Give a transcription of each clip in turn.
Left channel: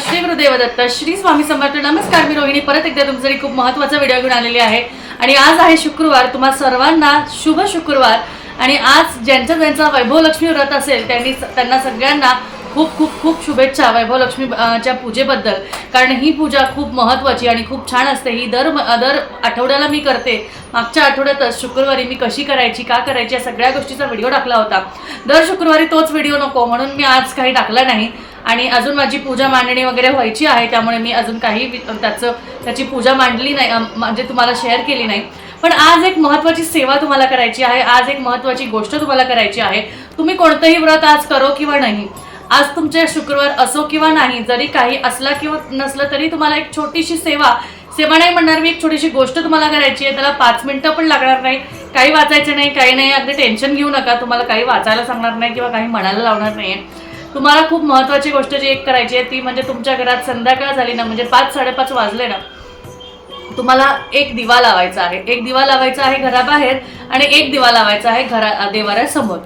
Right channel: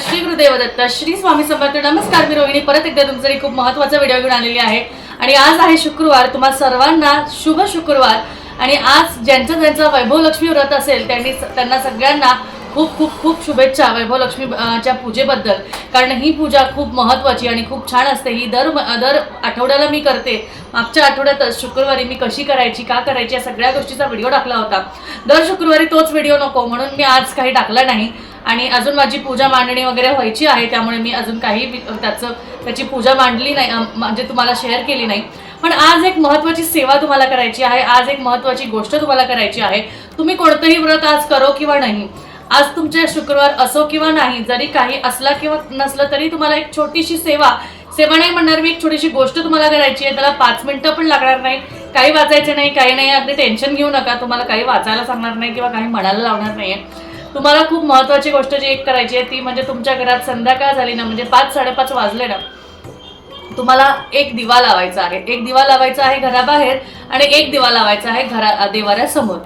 श्री गुरुदेव दत्त श्री स्वामी समर्थ नमस्कार मी रोहिणी. परत एकदा तुमच्यासाठी खूप महत्त्वाचा व्हिडिओ घेऊन आलेली आहे. आणि आज आहे शुक्रवार तुम्हा सर्वांना शुभ शुक्रवार. आणि आज ज्यांचं ज्यांचा वैभव लक्ष्मी व्रत असेल त्यांनी त्यांना सगळ्यांना खूप खूप खूप शुभेच्छा वैभव लक्ष्मी च्या पूजेबद्दल. कारण ही पूजा खूप महत्त्वाची आणि खूप छान असते. ही दर दर आठवड्याला मी करते. मागच्या आठवड्यातच शुक्रवारी मी कशी करायची का करायची या सगळ्या गोष्टीचा व्हिडिओ टाकला होता. दर शुक्रवारी तोच व्हिडिओ नको म्हणून मी आज काही टाकला नाही. आणि अजून माझी पूजा मांडणी वगैरे व्हायची आहे त्यामुळे मी अजून काही त्याचं त्याची पूजा मांडली नाही म्हणजे तुम्हाला शेअर केली नाही. पण आज एक महत्त्वाची सेवा तुम्हाला करायची आहे आज एक महत्त्वाची गोष्ट तुम्हाला करायची आहे. तुम्ही कोणतंही व्रत आज करो किंवा नाही. आज तुमचे शुक्रवार असो किंवा नाही जरी काही असला किंवा नसलं तरी तुम्हाला एक छोटीशी सेवा सेवा नाही म्हणणार मी एक छोटीशी गोष्ट तुम्हाला करायची आहे त्याला पाच मिनटं पण लागणार नाही. काही वाचायचं नाही काही नाही अगदी टेन्शन घेऊ नका तुम्हाला काही वाचायला सांगणार नाही किंवा काही म्हणायला लावणार नाही तुम्हाला खूप महत्त्वाची गोष्ट जी एक करायची आहे ती म्हणजे तुमच्या घरात संध्याकाळ झाली ना म्हणजे पाच साडेपाच वाजले ना तुम्हाला एक दिवा लावायचा आहे. एक दिवा लावायचा आहे घराबाहेर आणि एक दिवा लावायचा आहे घरा देवाऱ्यासमोर.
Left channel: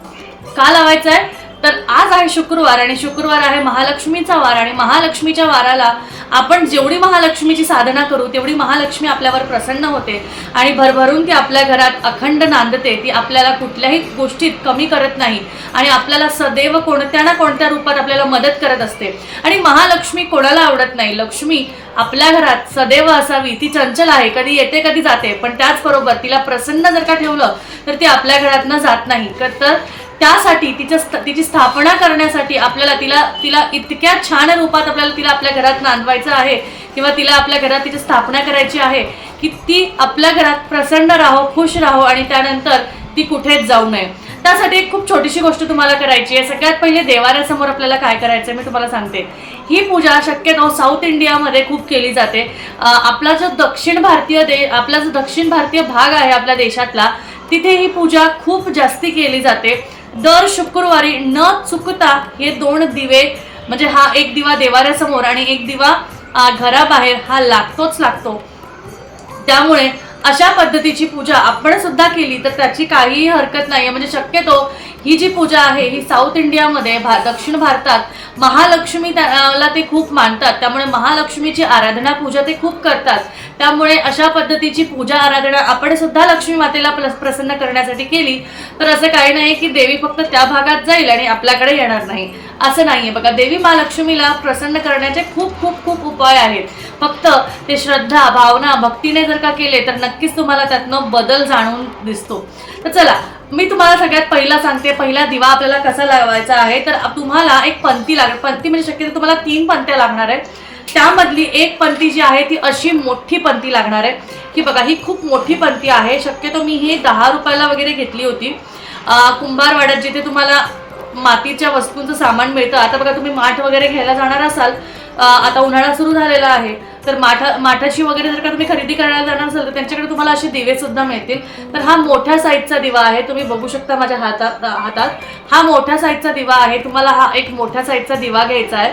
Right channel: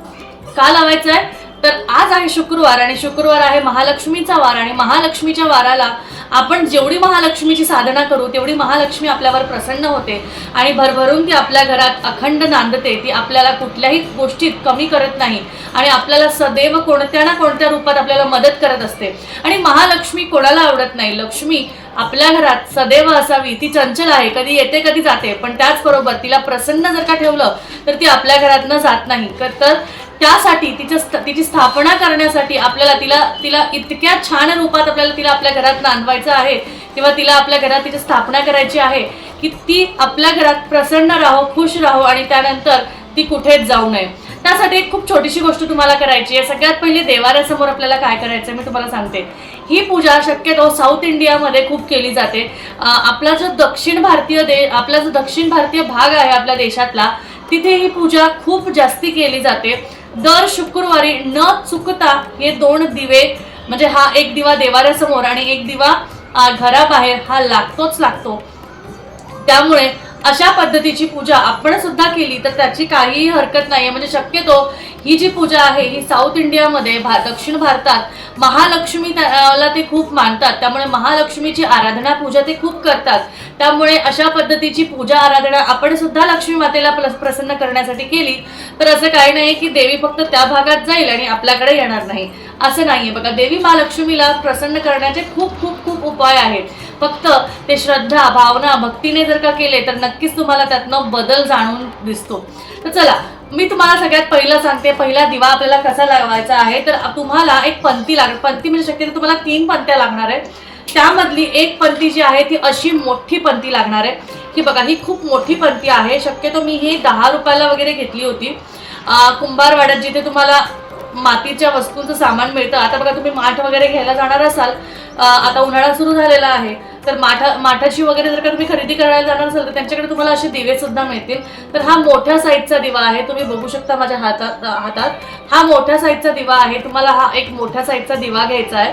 का लावायचा आहे? तर आज आहे शुक्रवार आणि शुक्रवार आहे महालक्ष्मीचा वार आणि महालक्ष्मीच्या वाराला आपण जेवढी महालक्ष्मीची साधना करू तेवढी महालक्ष्मी आपल्यावर प्रसन्न होते आणि भरभरून ती आपल्या घरात अखंड नांदते. ती आपल्याला कुठल्याही गोष्टीत कमी करत नाही आणि आपल्याला सदैव कोणत्या ना कोणत्या रूपात आपल्याला मदत करत असते. आणि महालक्ष्मी कोणाला आवडत नाही? लक्ष्मी आपल्या घरात सदैव असावी. ती चंचल आहे कधी येते कधी जाते. पण त्याचबरोबर तिला प्रसन्न जर का ठेवलं तर ती आपल्या घरातनं जात नाही. तर त्यासाठी तिच्या तिची स्थापना करण्यासाठी आपल्याला तिला तिला इतक्या छान रूपात आपल्याला तिला आपल्या घरात नांदवायचं आहे किंवा तिला आपल्या घरात तिची स्थापना करायची आहे की ती आपल्या घरात प्रसन्न राहो खुश राहो आणि त्यानंतर ती कुठेच जाऊ नये. त्यासाठी एक खूप छोटीशी गोष्ट तुम्हाला करायची आहे. सगळ्यात पहिले देवाऱ्यासमोर आपल्याला काय करायचं आहे मी तुम्हाला सांगते. ही पूजा शक्यतो साऊथ इंडियामध्ये खूप केली जाते. आपला जो दक्षिण भारतीय दे आपला जो दक्षिण भारतीय भाग आहे आपल्या देशातला तिथे ही पूजा खूप जास्ती केली जाते. दर शुक्रवारी न चुकता हे दोन दिवे म्हणजे हा एक दिवा देवाऱ्यासमोर आणि एक दिवा घराबाहेर हा लागतोच लागतो. त्यामुळे अशा पद्धतीची पूजा आपण सुद्धा केली तर त्याची काहीही हरकत नाही म्हणजे शक्यतो ही जी पूजा आहे ही साऊथ इंडियामध्ये भा दक्षिण भारतात महालक्ष्मी त्याला ते खूप मानतात. त्यामुळे महालक्ष्मीची आराधना पूजा ते खूप करतात. त्यामुळे अशा पद्धतीची पूजा आराधना आपण सुद्धा लक्ष्मी मातेला प्रसन्न करण्यासाठी केली तर असं काही नाही की देवी फक्त त्या भागात जाईल आणि आपल्याकडे येणार नाही. असं नाहीये. बघा देवी महालक्ष्मीला प्रसन्न करण्याचे खूप खूप खूप उपाय आहेत. फक्त ते श्रद्धा भावना भक्तीने जर का केले तर नक्कीच तुम्हाला त्यातनं बदल जाणून दिसतो. तर चला मी तुम्हाला सगळ्यात पहिला सांगते पहिला दिवा आपल्याला कसा लावायचा आहे तर तुम्हाला एक पंक्ती लागेल पंक्ती म्हणजे शक्यतो तुम्हाला तीन पंक्त्या लागणार आहेत. त्यामधली एक पंक्ती जी आहे ती अशी मोठी पंक्ती लागणार आहे. की बघा ही खूप मोठी पंक्ती आहे. शक्यतो मी ही दहा रुपयाला वगैरे घेतली होती. कुंभारवाड्यात जिथे तुम्हाला मातीच्या वस्तूंचं सामान मिळतं आता बघा तुम्ही माठ वगैरे घ्यायला जाणार असाल आता उन्हाळा सुरू झालेला आहे तर माठा माठाची वगैरे जर का तुम्ही खरेदी करायला जाणार असाल तर त्यांच्याकडे तुम्हाला असे दिवे सुद्धा मिळतील. तर हा मोठ्या साईजचा दिवा आहे. तुम्ही बघू शकता माझ्या हातात हातात. हा मोठ्या साईजचा दिवा आहे. तुम्हाला हा एक मोठ्या साईजचा दिवा घ्यायचा आहे.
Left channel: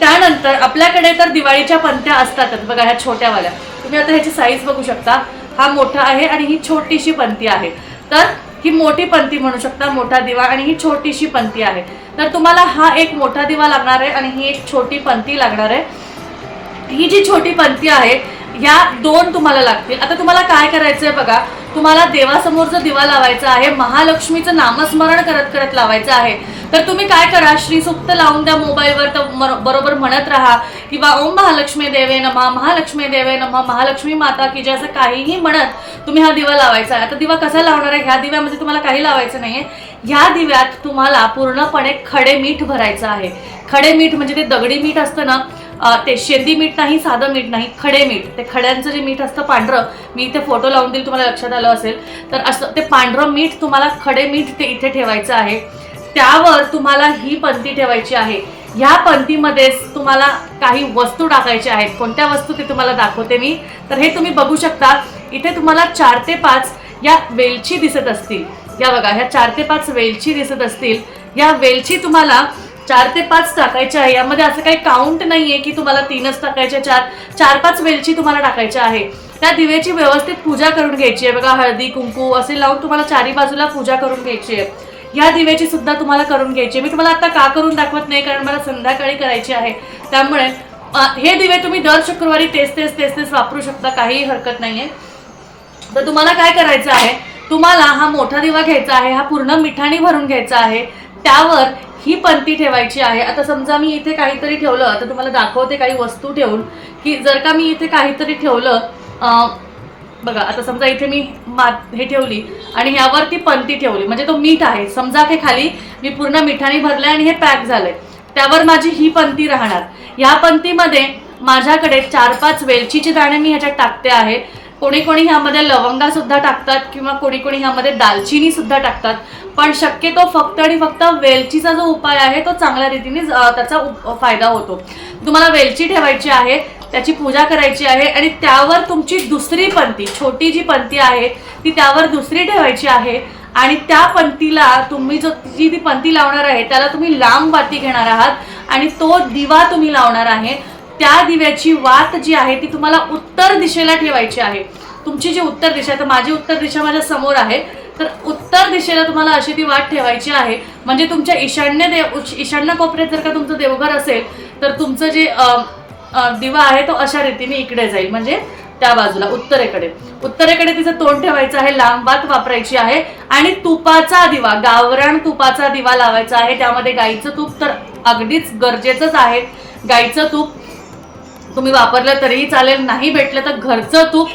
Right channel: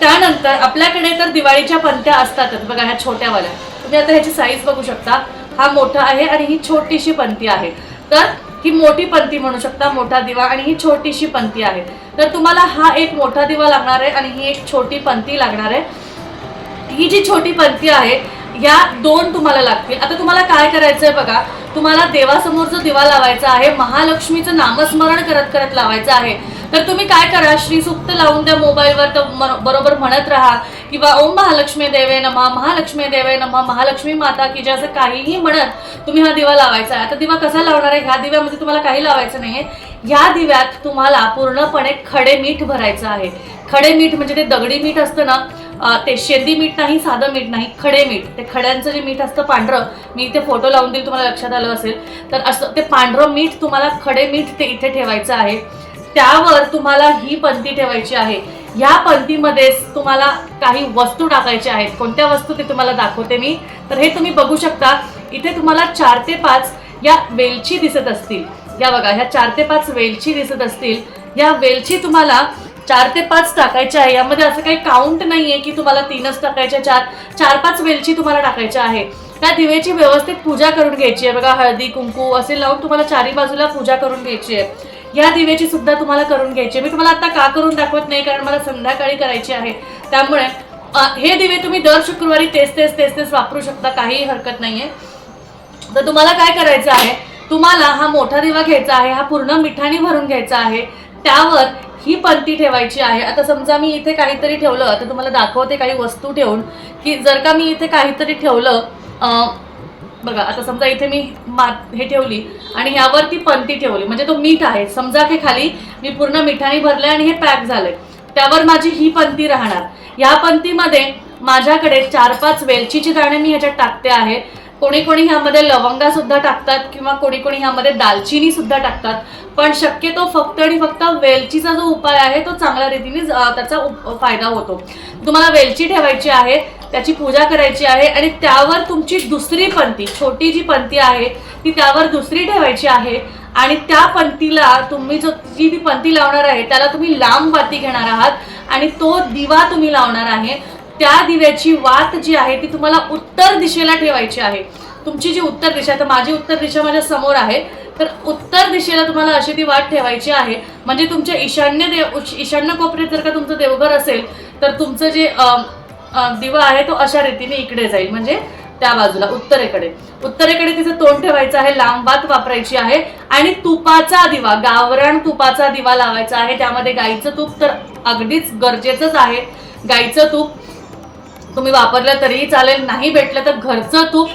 त्यानंतर आपल्याकडे तर दिवाळीच्या पंत्या असतातच बघा ह्या छोट्यावाल्या. तुम्ही आता ह्याची साईज बघू शकता. हा मोठा आहे आणि ही छोटीशी पंती आहे. तर ही मोठी पंती म्हणू शकता मोठा दिवा आणि ही छोटीशी पंती आहे. तर तुम्हाला हा एक मोठा दिवा लागणार आहे आणि ही एक छोटी पंती लागणार आहे. ही जी छोटी पंथी आहे ह्या दोन तुम्हाला लागतील. आता तुम्हाला काय करायचं आहे बघा तुम्हाला देवासमोर जो दिवा लावायचा आहे महालक्ष्मीचं नामस्मरण करत करत लावायचं आहे. तर तुम्ही काय करा श्रीसुक्त लावून द्या मोबाईलवर तर बरोबर म्हणत राहा किंवा ओम महालक्ष्मी देवे नमा महालक्ष्मी देवे नमा महालक्ष्मी माता की जे असं काहीही म्हणत तुम्ही हा दिवा लावायचा आहे. आता दिवा कसा लावणार आहे? ह्या दिव्यामध्ये तुम्हाला काही लावायचं नाही ह्या दिव्यात तुम्हाला पूर्णपणे खडे मीठ भरायचं आहे. खडे मीठ म्हणजे ते दगडी मीठ असतं ना ते शेंदी मीठ नाही साधं मीठ नाही खडे मीठ. ते खड्यांचं जे मीठ असतं पांढरं मी इथे फोटो लावून देईल तुम्हाला लक्षात आलं असेल. तर असं ते पांढरं मीठ तुम्हाला खडे मीठ ते इथे ठेवायचं आहे. त्यावर तुम्हाला ही पंथी ठेवायची आहे. ह्या पंथीमध्येच तुम्हाला काही वस्तू टाकायच्या आहेत. कोणत्या वस्तू ते तुम्हाला दाखवते मी? तर हे तुम्ही बघू शकता. इथे तुम्हाला चार ते पाच या वेलची दिसत असतील. या बघा ह्या चार ते पाच वेलची दिसत असतील. या वेलची तुम्हाला चार ते पाच टाकायच्या आहे. यामध्ये असं काही काउंट नाही आहे की तुम्हाला तीनच टाकायच्या चार चार पाच वेलची तुम्हाला टाकायच्या आहे. त्या दिव्याची व्यवस्थित पूजा करून घ्यायची आहे. बघा हळदी कुंकू असे लावून तुम्हाला चारी बाजूला पूजा करून घ्यायची आहे. या दिव्याची सुद्धा तुम्हाला करून घ्यायची आहे. मी तुम्हाला आता का करून दाखवत नाही? कारण मला संध्याकाळी करायची आहे. त्यामुळे हे दिवे तुम्ही दर शुक्रवारी तेच तेच तेच तेच वापरू शकता. काहीही हरकत नाही आहे तर तुम्हाला काय करायचं आहे? तुम्हाला हा मोठा दिवा घ्यायचा आहे हा पूर्ण मिठाने भरून घ्यायचा आहे. त्यावर ही पंती ठेवायची आहे. आता समजा मी इथे काहीतरी ठेवलं तर तुम्हाला दाखवते काही वस्तू ठेवून की जर का मी इथे काहीतरी ठेवलं बघा आता समजा इथे मी मात हे ठेवली आणि यावर ती पंती ठेवली म्हणजे तो मीठ आहे. समजा की खाली मी पूर्ण मिठाने भरलं आणि हे पॅक झालंय. त्यावर माझी ही पंती राहणार. ह्या पंतीमध्ये माझ्याकडे चार पाच वेलचीची दाणे मी ह्याच्यात टाकते आहे. कोणी कोणी ह्यामध्ये लवंगा सुद्धा टाकतात किंवा कोणी कोणी ह्यामध्ये दालचिनी सुद्धा टाकतात. पण शक्यतो फक्त आणि फक्त वेलचीचा जो उपाय आहे तो चांगल्या रीतीने त्याचा फायदा होतो. तुम्हाला वेलची ठेवायची आहे त्याची पूजा करायची आहे आणि त्यावर तुमची दुसरी पंती छोटी जी पंती आहे ती त्यावर दुसरी ठेवायची आहे आणि त्या पंतीला तुम्ही जो जी ती पंती लावणार आहे त्याला तुम्ही लांब वाती घेणार आहात आणि तो दिवा तुम्ही लावणार आहे. त्या दिव्याची वात जी आहे ती तुम्हाला उत्तर दिशेला ठेवायची आहे. तुमची जी उत्तर दिशा आहे, तर माझी उत्तर दिशा माझ्यासमोर आहे. तर उत्तर दिशेला तुम्हाला अशी ती वाट ठेवायची आहे. म्हणजे तुमच्या ईशान्य देव ईशान्य कोपऱ्यात जर का तुमचं देवघर असेल तर तुमचं जे दिवा आहे तो अशा रीतीने इकडे जाईल. म्हणजे त्या बाजूला उत्तरेकडे. उत्तरेकडे तिचं तोंड ठेवायचं आहे लांबबात वापरायची आहे आणि तुपाचा दिवा गावरान तुपाचा दिवा लावायचा आहे. त्यामध्ये गाईचं तूप तर अगदीच गरजेचंच आहे. गाईचं तूप तुम्ही वापरलं तरीही चालेल नाही भेटलं तर घरचं तूप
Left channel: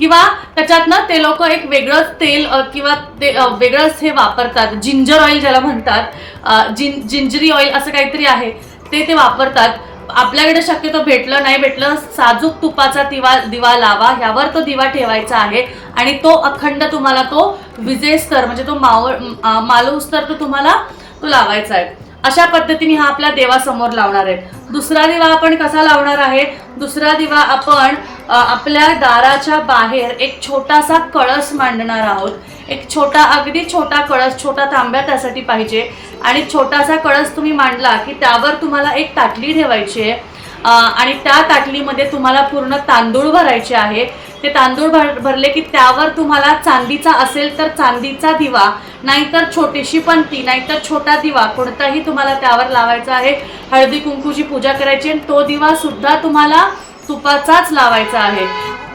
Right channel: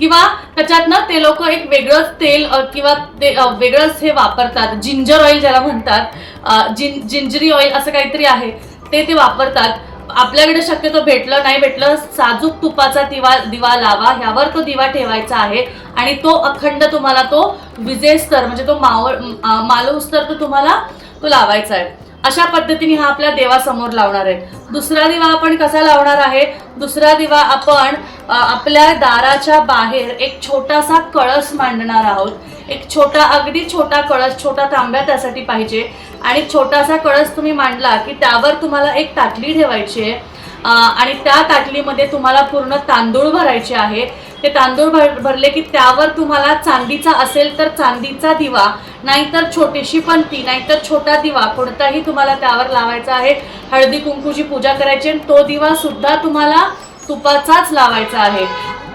किंवा त्याच्यातनं ते लोक एक वेगळंच तेल किंवा ते वेगळंच हे वापरतात. जिंजर ऑइल ज्याला म्हणतात. जिन जिंजरी ऑइल असं काहीतरी आहे. ते ते वापरतात. आपल्याकडे शक्यतो भेटलं नाही. भेटलं साजूक तुपाचा दिवा दिवा लावा. ह्यावर तो दिवा ठेवायचा आहे. आणि तो अखंड तुम्हाला तो विजेस्तर म्हणजे तो मावळ मालवस्तर तो तुम्हाला तो लावायचा आहे. अशा पद्धतीने हा आपल्या देवासमोर लावणार आहे. दुसरा दिवा आपण कसा लावणार आहे? दुसरा दिवा आपण आपल्या दाराच्या बाहेर एक छोटासा कळस मांडणार आहोत. एक छोटा अगदी छोटा कळस छोटा तांब्या त्यासाठी पाहिजे. आणि छोटासा कळस तुम्ही मांडला की त्यावर तुम्हाला एक ताटली ठेवायची आहे. आणि त्या ताटलीमध्ये तुम्हाला पूर्ण तांदूळ भरायचे आहे. ते तांदूळ भर भरले की त्यावर तुम्हाला चांदीचा असेल तर चांदीचा दिवा नाहीतर छोटीशी पंती नाहीतर छोटा दिवा. कोणताही तुम्हाला त्यावर लावायचा आहे. हळदी कुंकूची पूजा करायची आणि तो दिवा सुद्धा तुम्हाला तुपाचाच लावायचा आहे.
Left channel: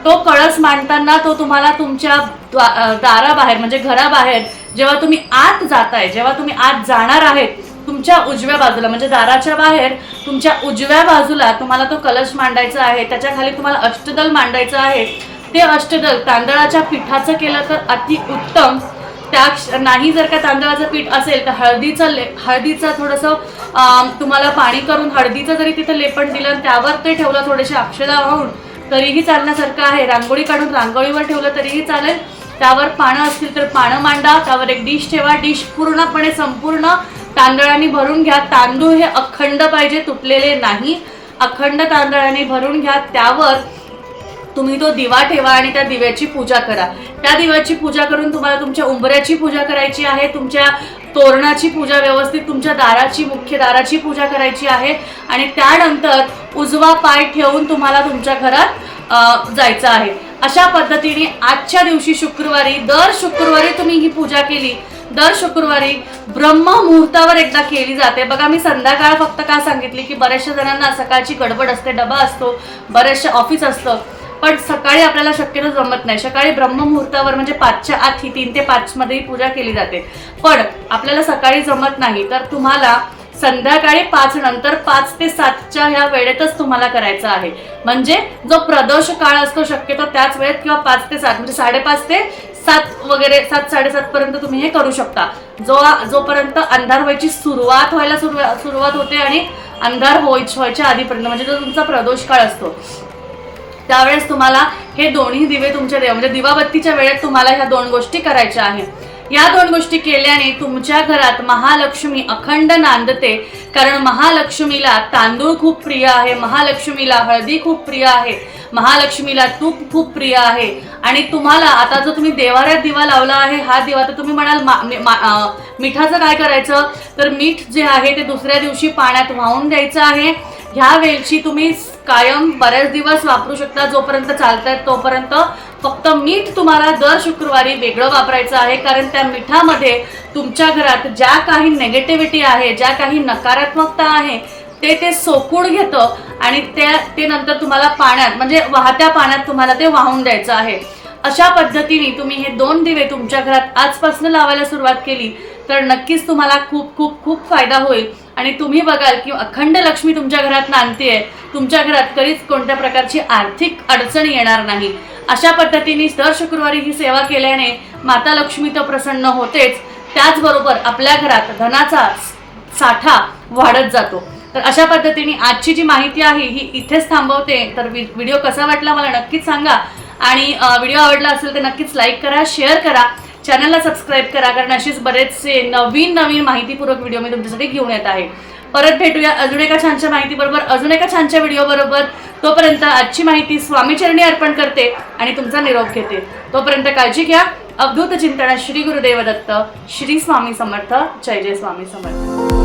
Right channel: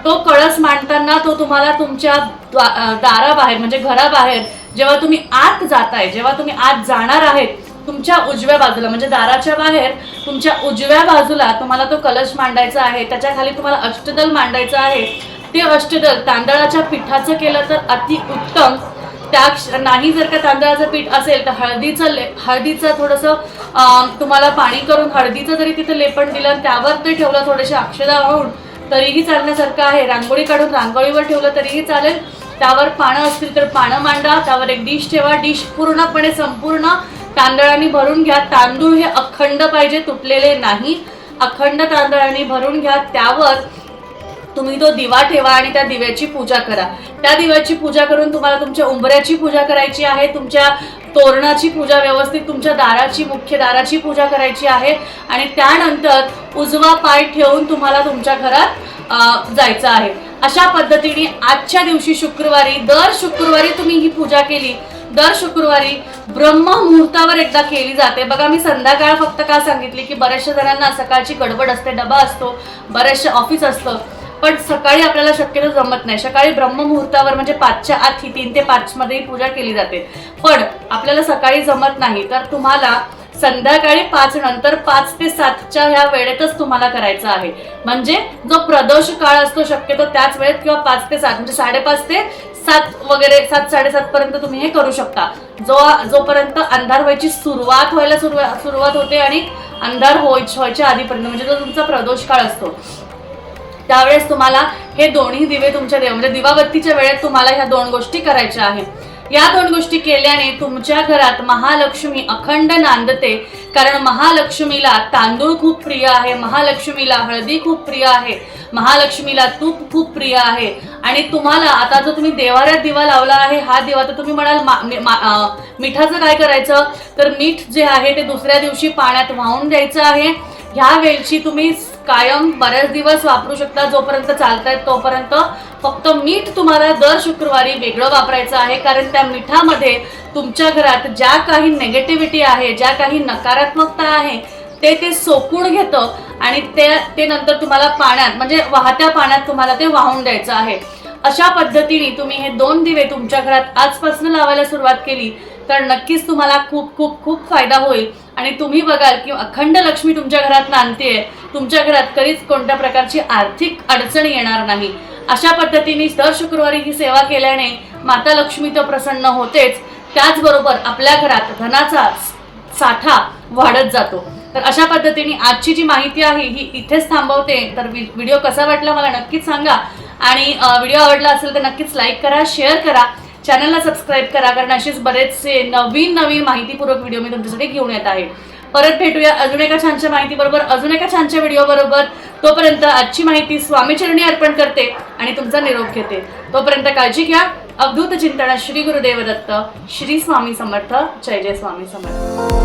तो कळस मांडताना तो तुम्हाला तुमच्या द्वा- दाराबाहेर म्हणजे घराबाहेर जेव्हा तुम्ही आत जाताय जेव्हा तुम्ही आत जाणार आहेत तुमच्या उजव्या बाजूला म्हणजे दाराच्या बाहेर तुमच्या उजव्या बाजूला तुम्हाला तो कलश मांडायचा आहे. त्याच्याखाली तुम्हाला अष्टदल मांडायचं आहे. ते अष्टदल तांदळाच्या पिठाचं केलं तर अति उत्तम त्या नाही जर का तांदळाचं पीठ असेल तर हळदीचं ले हळदीचं थोडंसं तुम्हाला पाणी करून हळदीचं जरी तिथं लेपण दिलं आणि त्यावर ते ठेवलं थोडेसे अक्षदा वाहून तरीही चालण्यासारखं आहे. रांगोळी काढून रांगोळीवर ठेवलं तरीही चालेल. त्यावर पानं असतील तर पानं मांडा. त्यावर एक डिश ठेवा. डिश पूर्णपणे संपूर्ण तांदळाने भरून घ्या. तांदूळ हे अखंड पाहिजे तुटलेले नाही. अखंड तांदळाने भरून घ्या. त्यावर तुम्ही तो दिवा ठेवा आणि त्या दिव्याची पूजा करा. त्या दिव्याची पूजा करून तुम्हाला तुमच्या उंबऱ्याची पूजा करायची आहे तुमच्या तोरणाची पूजा व्यवस्थित तुमच्या दाराची मुख्य दाराची पूजा करायची आहे आणि त्यानंतर उजवा पाय ठेवून तुम्हाला तुमच्या घरात जायचं आहे. अशा पद्धतीने आजच्या दिवशी शुक्रवारी दर शुक्रवारी तुम्ही ही पूजा केली. दर शुक्रवारी ब्रह्म मुहूर्तावर एकदा केली जाते. बघा मी संध्याकाळ फक्त काय सांगितली की बऱ्याचशा जणांना सकाळची गडबड असते डबा असतो बऱ्याचशा ऑफिस असतं. पण सकाळी आपल्याला शक्यतो जमत नाही. सकाळी ब्रह्ममुहूर्तावर म्हणजे पाचच्या आत ही तीन ते पाचमध्येही ही पूजा केली जाते. पण आपल्याला सकाळी जमत नाही तर तुम्हाला संध्याकाळी पाच नंतर पाच ते सातच्या ह्या वेळेतच तुम्हाला करायचं आहे. म्हणजे जो प्रदोष काळ असतो शक्यतो त्याच वेळेत किंवा पाच ते सात म्हणजे साडेपाच ते सात वगैरे सात साडेसात पर्यंत तुम्ही हे करू शकता. जो जोपर्यंत अंधार व्हायची सुरुवात व्हायला सुरुवात सुरुवात होते आणि अंधार व्हायच्या व्हायच्या आधीपर्यंत म्हणजे जो तुमचा प्रदोष काळ असतो. त्यावेळेस तुम्हाला हे दोन्ही दिवे तुमच्या देव म्हणजे दिवाबत्तीच्या वेळेत तुम्हाला ह्या दोन गोष्टी करायच्या आहेत. या दोन गोष्टी केल्याने तुमच्या घरात महालक्ष्मी अखंड नांदते. कारण महालक्ष्मीला तांदूळ खूप प्रिय आहे महालक्ष्मीला हळदी खूप प्रिय आहे महालक्ष्मीला तूप खूप प्रिय आहे. आणि तुम्हाला आता जो तुम्ही देवाऱ्यात दिवा लावला आहे हा दिवा तर तुम्ही म्हणाल मा- मिठाचं काय करायचं? तर मीठ जे आहे ते दुसऱ्या दिवशी पाण्यात वाहून द्यायचं आहे. ह्या वेलची तुम्ही कायम बरेच दिवस वापरू शकता जोपर्यंत चालतायत तोपर्यंत. फक्त मीठ तुम्हाला दर शुक्रवारी वेगळं वापरायचं आहे कारण त्या मिठामध्ये तुमच्या घरात ज्या काही नेगेटिव्हिटी आहे ज्या काही नकारात्मकता आहे ते ते सोकून घेतं आणि ते ते नंतर तुम्हाला पाण्यात म्हणजे वाहत्या पाण्यात तुम्हाला ते वाहून द्यायचं आहे. अशा पद्धतीने तुम्ही हे दोन दिवे तुमच्या घरात आजपासून लावायला सुरुवात केली तर नक्कीच तुम्हाला खूप खूप खूप फायदा होईल. आणि तुम्ही बघाल की अखंड लक्ष्मी तुमच्या घरात नांदतीये तुमच्या घरात कधीच कोणत्या प्रकारची आर्थिक अडचण येणार नाही. अशा पद्धतीने दर शुक्रवारी ही सेवा केल्याने माता लक्ष्मी तर प्रसन्न होतेच. त्याचबरोबर आपल्या घरात धनाचा साठा वाढत जातो. तर अशा पद्धतीने आजची जी माहिती आहे ही इथेच थांबवते. तर व्हिडिओ कसा वाटला मला नक्कीच सांगा. आणि व्हिडिओ आवडला असेल तर नक्कीच लाईक करा शेअर करा. चॅनलला सबस्क्राईब करा कारण अशीच बरेचसे नवीन नवीन माहितीपूर्वक व्हिडिओ मी तुमच्यासाठी घेऊन येत आहे. परत भेटूया अजून एका छानशा माहितीबरोबर अजून एका छानशा व्हिडिओ बरोबर. तोपर्यंत आजची माहिती स्वामीचरणी अर्पण करते आणि तुमचा निरोप घेते. तोपर्यंत काळजी घ्या. अवधूत चिंतना श्री गुरुदेव दत्त श्री स्वामी समर्थ जय जय स्वामी समर्थ.